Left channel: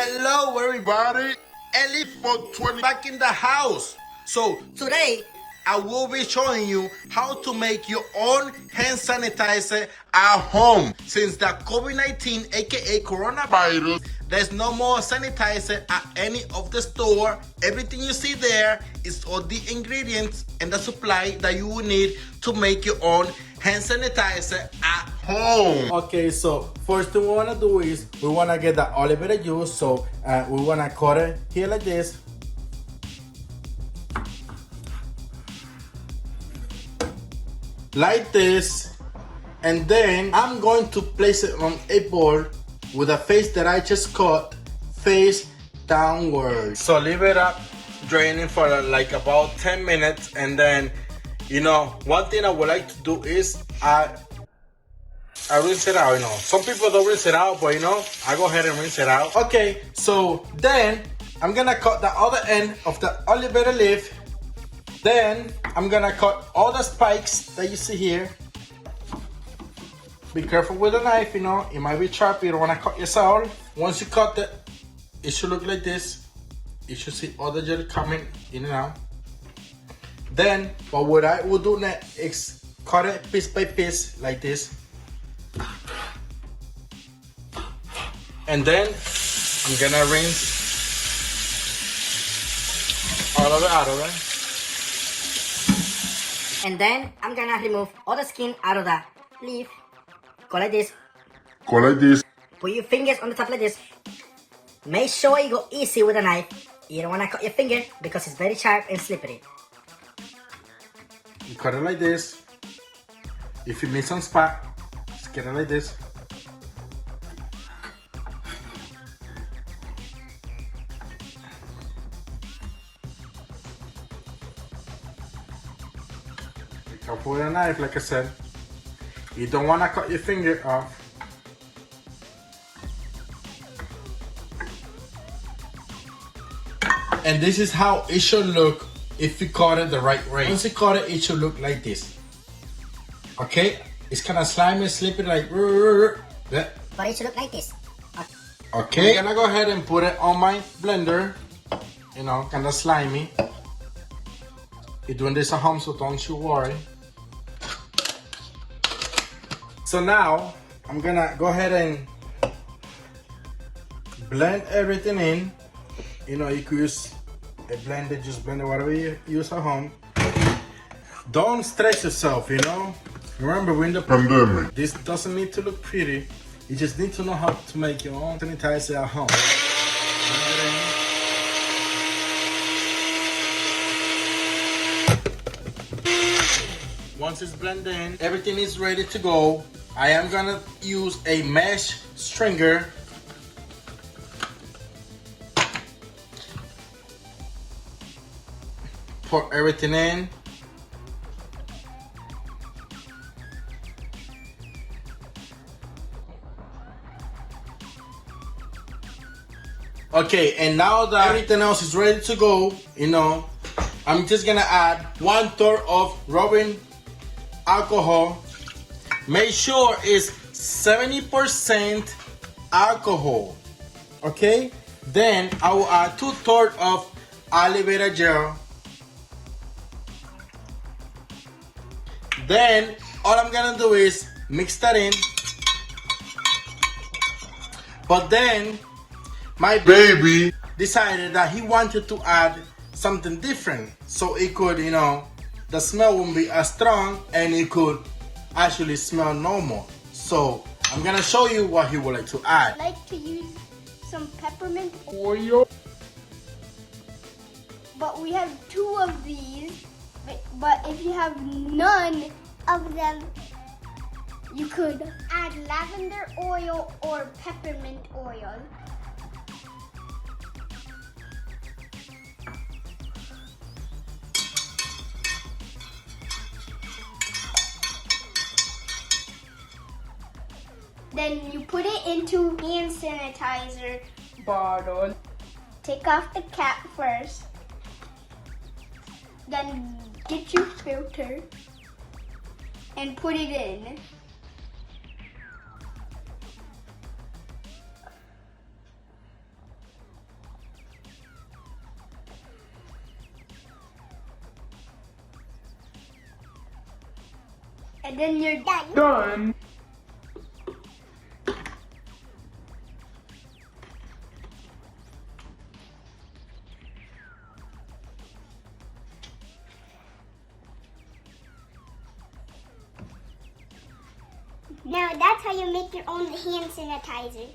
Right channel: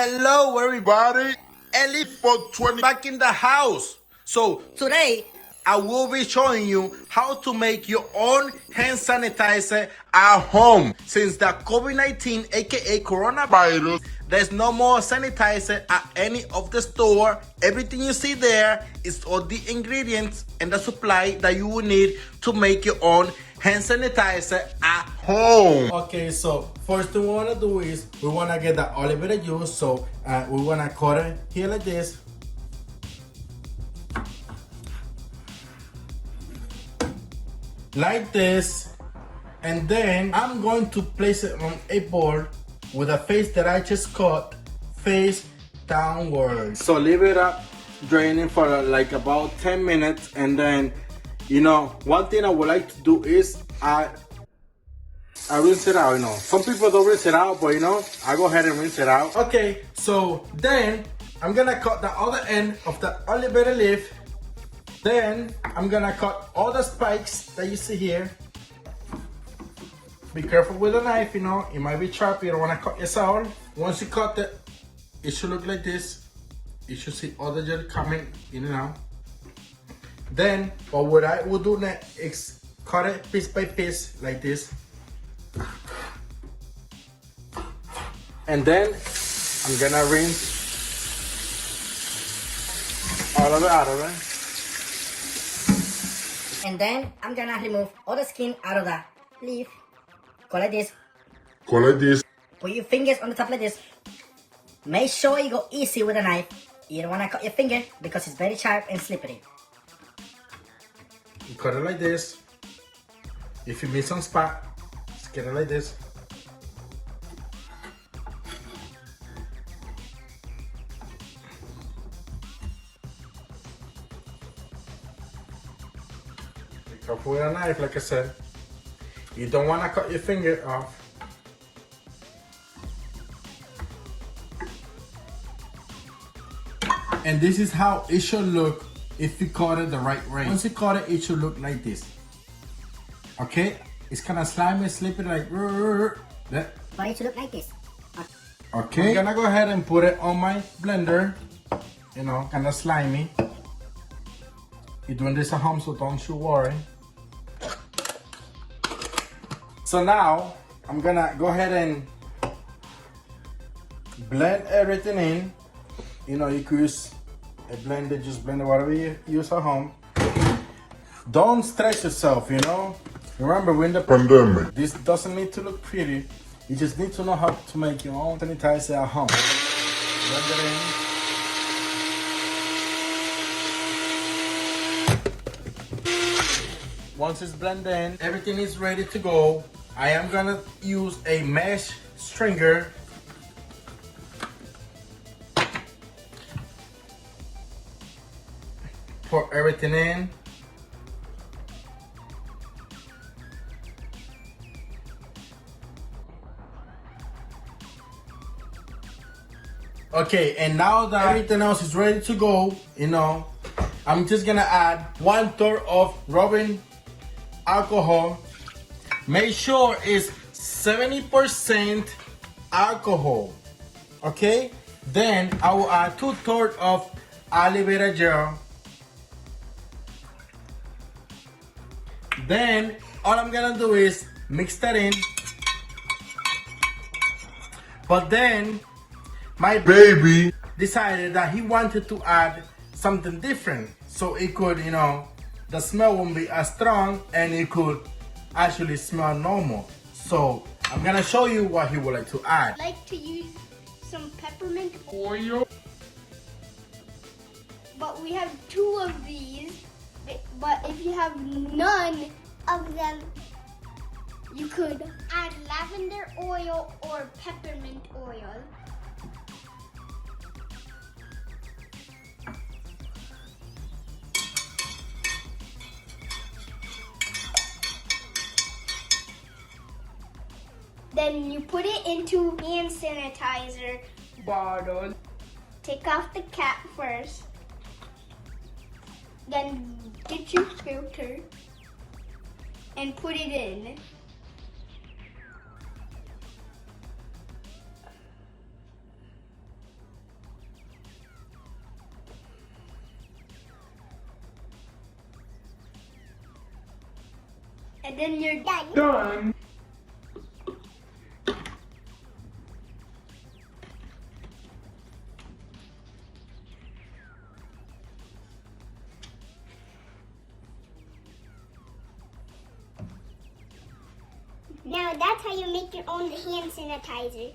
Hello everybody, Ellie for 20 back in the house. So today I will be showing you how to make your own hand sanitizer at home. Since the COVID-19 aka coronavirus, there's no more sanitizer at any of the store. Everything you see there is all the ingredients and the supply that you will need to make your own hand sanitizer at home. Okay, so first thing we want to do is we want to get the olive oil juice. So we want to cut it here like this. Like this. And then I'm going to place it on a board with a face that I just cut face downward. So leave it up draining for like about 10 minutes, and then one thing I would like to do is I rinse it out. Some people don't rinse it out, but I go ahead and rinse it out. Okay, so then I'm gonna cut the other end of the olive oil leaf. Then I'm gonna cut all the spikes that you see here. Be careful with the knife, it might be sharp. You don't want to cut yourself. Once you cut it, it should look like this. You should see all the jelly coming in and out. Then what I will do next is cut it piece by piece like this. And then I'm gonna rinse all of it out of it. And then I'm gonna remove all the skin out of the leaf. Go like this. Go like this. Put your fingers on the top like this. Make sure you go easy with the knife. You don't want to cut your finger because it's very sharp and slippery. You cut it like this. If you miss some spot, just get it like this. Be careful with a knife, like I said. You don't want to cut your finger off. And this is how it should look if you cut it the right way. Once you cut it, it should look like this. Okay? It's kind of slimy, slippery, like... But it should look like this. Okay, I'm gonna go ahead and put it on my blender. Kind of slimy. You're doing this at home, so don't you worry. So now, I'm gonna go ahead and blend everything in. You could use a blender, just blend it whatever you use at home. Don't stress yourself, Remember, we're in the pandemic. This doesn't need to look pretty. You just need to know how to make your own sanitizer at home. Once it's blended in, everything is ready to go. I am gonna use a mesh stringer. Pour everything in. Okay, and now that everything else is ready to go, I'm just gonna add 1/3 of rubbing alcohol. Make sure it's 70% alcohol. Okay? Then I will add 2/3 of aloe vera gel. Then all I'm gonna do is mix that in. But then my baby decided that he wanted to add something different, so it could, the smell won't be as strong and it could actually smell normal. So I'm gonna show you what he would like to add. I like to use some peppermint Oil. but we have 2 of these. But if you have none of them, you could add lavender oil or peppermint oil. Then you put it into hand sanitizer bottle. Take off the cap first. Then get your filter and put it in. And then you're done. Done. Now that's how you make your own hand sanitizer.